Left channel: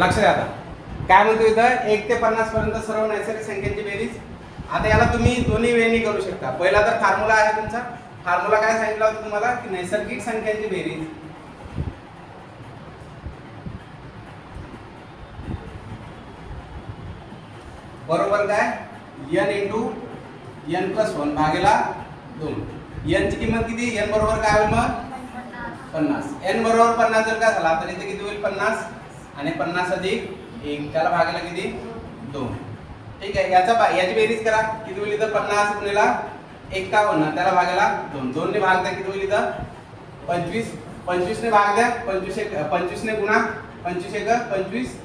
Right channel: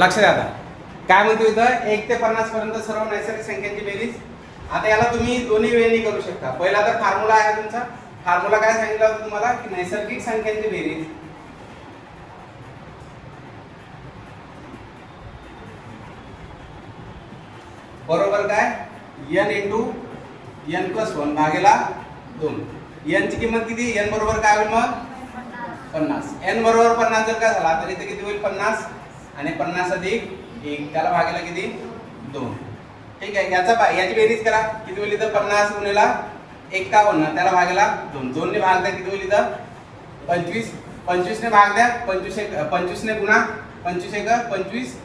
लक्ष द्या आता. काय म्हणतो इथं? एक ते पन्नास पर्यंत सर्व नैसर्गिक संख्यांची बेरीज. आता याला तुम्ही दोन्ही वेळी करू शकता. पहिला तर फॉर्म्युला आहे तुमचा. फॉर्म्युला काय सांगितलं होतं तुम्हाला? की नैसर्गिक संख्यांची बेरीज. बरोबर काय? N into N plus one भागेला दोन. यांची किंमत किती? एन बरोबर काय होईल मग? पन्नास. एन बरोबर पन्नास जर काय झाला तर इथे किती होईल? पन्नास. आणि पन्नास अधिक एक त्याला भागायला किती? दोन. ठीक आहे याचा बा- याची बेरीज करा. किती होईल इथं? पन्नास गुणिला एकावन्न त्याला भागायला दोन. दोनने भाग द्या किती होईल इथं? पंचवीस. पंचवीसने भाग द्या. पंचवीस एक पंचवीसने गुणा. पंचवीस एक पंचवीस.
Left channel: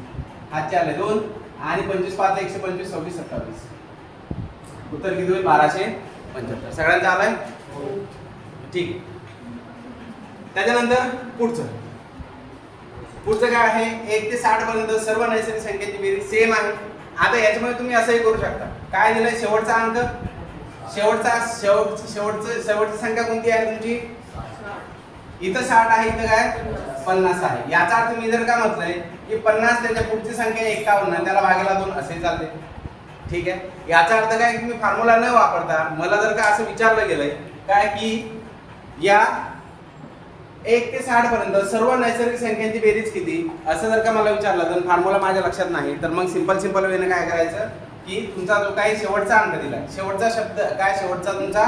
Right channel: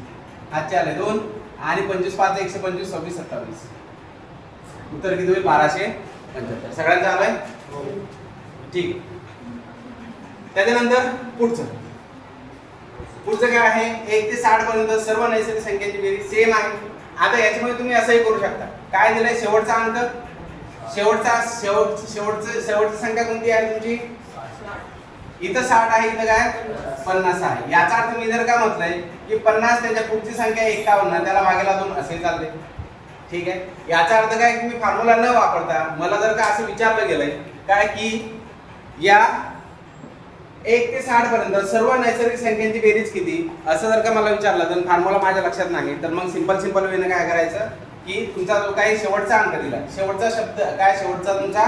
आजचे आले दोन. आणि पंचवीस पाच एकशे पंचवीस सव्वीस सत्तावीस. उत्तर किती होईल? बाराशे पंच्याहत्तर. सगळ्यांचं आलंय? हो. ठीक. त्याच्यानंतर पुढचं. पुढचं काय आहे? एक ते साठ पर्यंत सर्व नैसर्गिक संख्येची बेरीज सेम आहे. आता याच्यामध्ये तुम्ही असंही करू शकता. काय दिलंय? शेवटचा अंक? शेवटचा शेवट शेवटचं शेवटची संख्या कोणती आहे तुमची? इथं साठ आहे इथं काय? पन्नास आहे. याचा अर्थ मी जर काय म्हटलंय की पन्नास त्याच्या पुढची संख्या एकावन्न त्याला भागेला दोन असे चालते ठीक आहे? याचा अर्थ काय? तुम्ही फॉर्म्युला न वापरता मला जर का असं विचारलं गेलंय काय की या एक ते साठ पर्यंत सर्व नैसर्गिक संख्यांची बेरीज किती? असं जर का मला विचारलं तर फॉर्म्युला माझ्या लक्षात नाही. तर मग सिंपल सिंपल वेने काय करायचं? की तुमचा जो काही शेवटचा अंक दिला शेवटचा शब्द काय शेवटचा तुमचा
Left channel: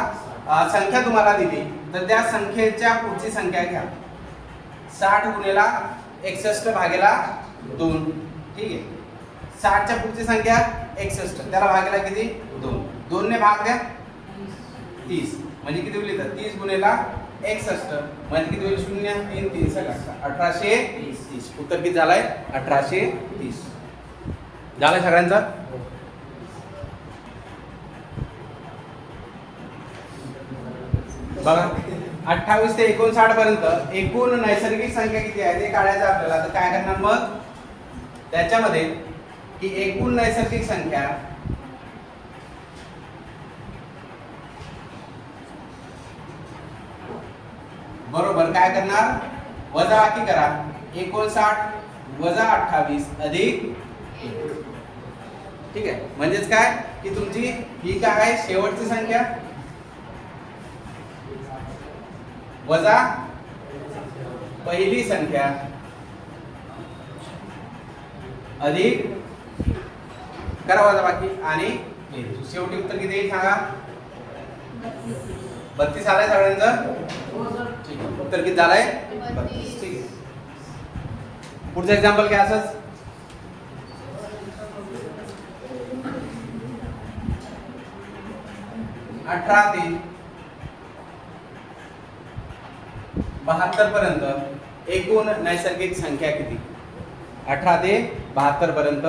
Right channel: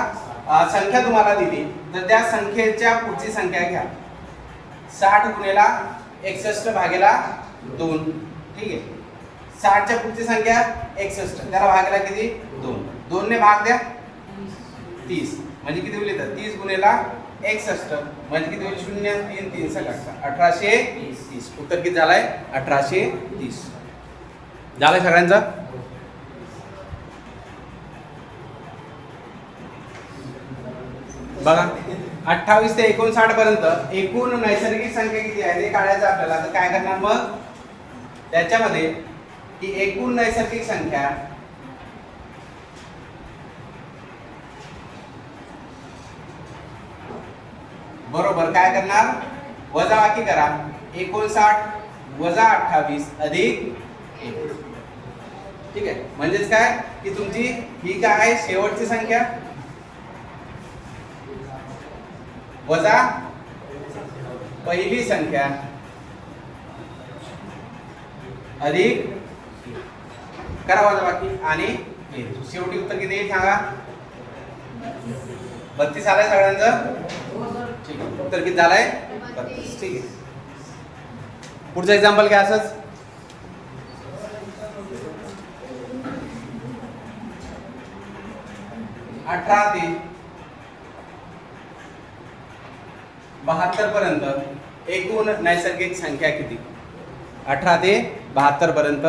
संख्या तुम्हाला दिली तर त्या संख्येच्या पुढची संख्या घ्या. साठ गुणेला एकसष्ट भागेला दोन. ठीक आहे? साठच्या पुढची संख्या एकसष्ट. त्याला भागेला किती? दोन. दोनने भाग द्या. तीस. म्हणजे किती होईल तीस गुणेला एकसष्ट म्हणजे किती होईल? शून्य तीन तीन सगळं अठराशे तीस. उत्तर किती झालंय? अठराशे तीस. झालंय सगळ्यांचं? बघा. अठ्ठावीस ते एकोणसाठ पर्यंत एकूण नैसर्गिक संख्या किती आहे? ते काढायचं आपल्याला. तर काय करणार मग? त्याच्यामध्ये की एकूण नैसर्गिक संख्या बरोबर काय करणार? वजा बाकी करा? एकोणसाठ वजा अठ्ठावीस अधिक ठीक आहे. म्हणजेच काय? की तुमची ही काय आहे? शेवटची संख्या. वजा पहिली संख्या. अधिक करा वजा बाकी. आणि शेवटी उत्तर किती सांगा? बत्तीस आलाय सगळ्यांचं. ठीक उत्तर किती झालंय? बत्तीस. ठीक आहे. पुढचं एक्झाम्पल घ्या असंच. अठरा ते बहात्तर पर्यंत एकूण नैसर्गिक संख्या किती? अठरा ते बहात्तर पर्यंत.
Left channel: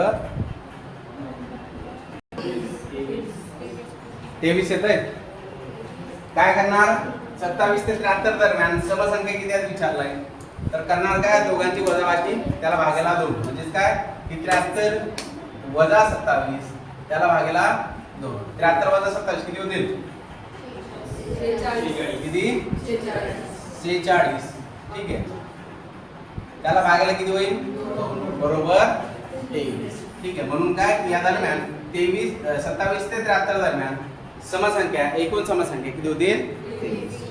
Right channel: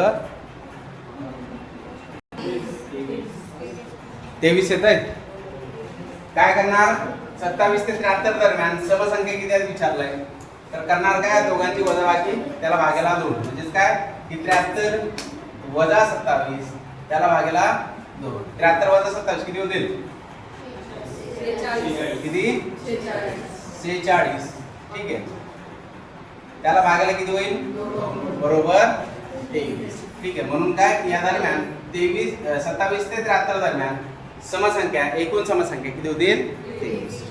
तेवीस येत आहे काय करणार? सत्तावीस ते त्र्याहत्तर दरम्यान समसंख्या किती विचारलंय? तर करणार काय? दोघांची वजाबाकी त्याला भागेला दोन. म्हणजेच काय? की त्र्याहत्तर वजा सत्तावीस त्याला भागेला दोन. त्र्याहत्तर वजा सत्तावीस किती होतील? किती? सेहेचाळीस ठीक आहे. त्याला भागायला किती होईल? बरोबर. तेवीस. ठीक आहे. म्हणून काय? या दरम्यान तेवीस सत्तावीस ते त्र्याहत्तर दरम्यान समसंख्या एकूण समसंख्या किती होतील?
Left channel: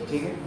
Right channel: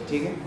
ठीक आहे.